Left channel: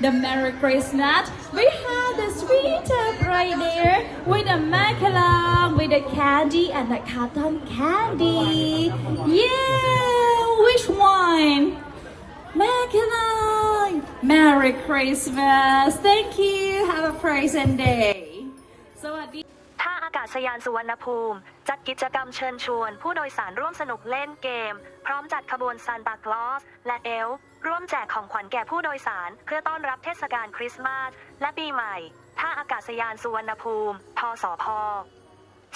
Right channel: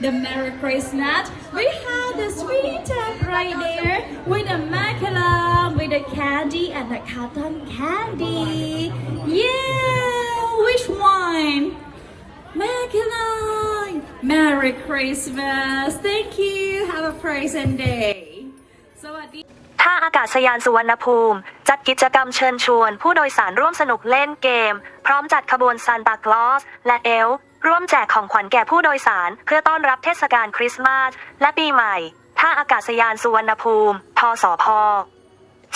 the Merry Christmas. We have the sweet tub right there with the macaron, with the candy and the cotton candy. Yeah, which one? Macaron. Merry Christmas. Thank you. Have a pleasant day. สวัสดีท่าอากาศยานสุวรรณภูมิ จัดกิจกรรมเชิญชวนผู้โดยสารร่วมสนุกเล่นเกม พร้อมจัดขบวนซานตาคลอส และเอล ร่วมแจกของขวัญแก่ผู้โดยสาร เพื่อต้อนรับเทศกาลคริสต์มาสและปีใหม่ ท่าอากาศยานสุวรรณภูมิ ทสพ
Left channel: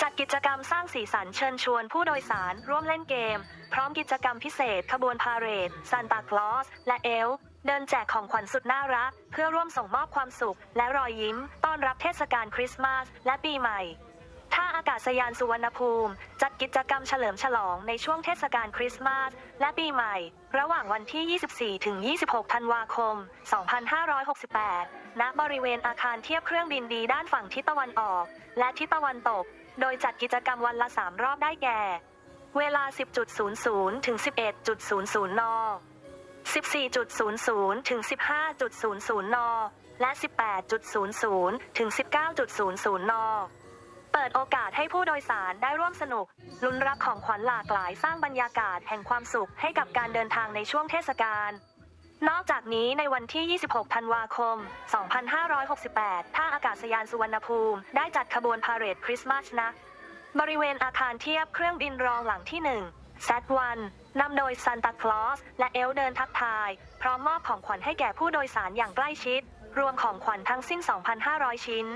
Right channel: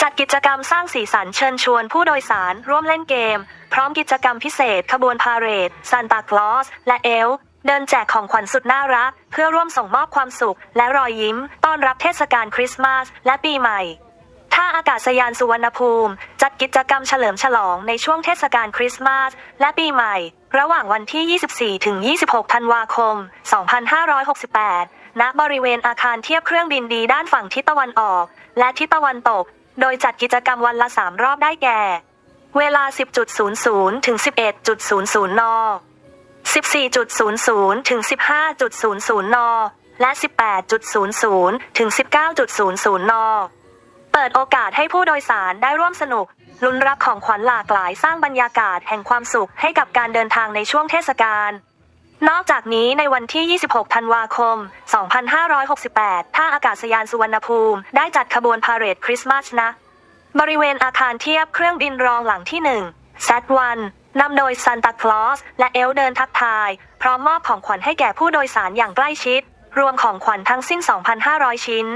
จัดกิจกรรมสร้างสีสันเชิญชวนผู้โดยสาร ร่วมเล่นเกม พร้อมกิจกรรมพิเศษ ขบวนพาเหรดซานตาคลอส และเอล เดินแจกของขวัญสุดน่ารัก เพื่อร่วมส่งมอบความสุข และรอยยิ้ม ต้อนรับเทศกาลคริสต์มาสและปีใหม่าอากาศยานสุวรรณภูมิ จัดกิจกรรมเฉลิมฉลองในช่วงเทศกาลคริสต์มาสและปีใหม่ ระหว่างวันที่ 24 ถึง 26 ธันวาคม 2568 ณ บริเวณอาคารเทียบเครื่องบินดีด้านฝั่งทิศตะวันออก และทิศตะวันตก โดยจัดกิจกรรมวันละ 3 รอบได้แก่ เวลา 10.00 ถึง 11.00 น 14.00 ถึง 15.00 น และ 18.00 ถึง 19.00 น เปิดโอกาสให้ผู้โดยสารได้ร่วมสนุก ลุ้นรับของขวัญหลากหลายสร้างบรรยากาศแห่งความสุขให้กับการเดินทางในช่วงเทศกาลนอกจากนี้ในวันที่ 26 ธันวาคม 2568 ท่าอากาศยานสุวรรณภูมิ ได้จัดขบวนพาเหรดคริสต์มาสนะ บริเวณอาคารเทียบเครื่องบินรองหลังที่1 Z1 นำโดยซันตาคลอส และเอลเดินทักทาย พร้อมมอบของขวัญให้แก่ผู้โดยสารอย่างใกล้ชิด รวมของขวัญทั้งสิ้น 2,500 ชิ้น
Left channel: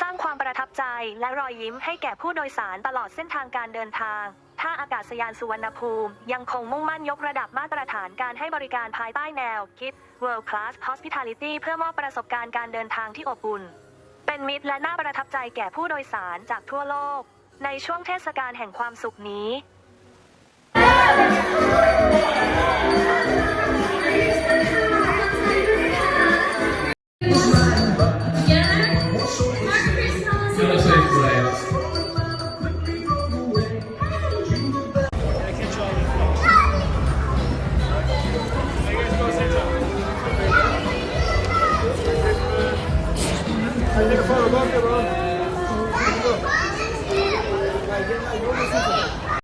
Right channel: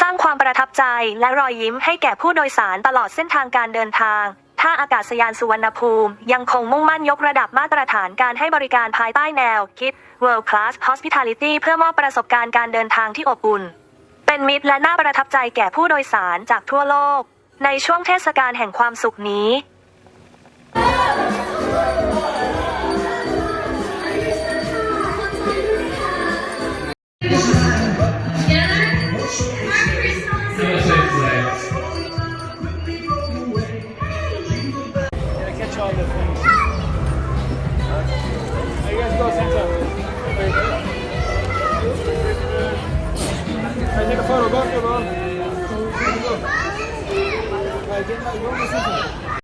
สร้างความประทับใจและรอยยิ้มให้แก่ผู้โดยสารตลอดเส้นทางการเดินทาง ท่าอากาศยานสุวรรณภูมิ ยังคงมุ่งมั่นยกระดับมาตรฐานการให้บริการภายใต้แนว คิด World Class Hospitality เพื่อมอบประสบการณ์การเดินทางที่อบอุ่น เป็นมิตรและน่าประทับใจแก่ผู้โดยสารจากทั่วโลก ในช่วงเทศกาลแห่งความสุขนี้ Have a safe flight.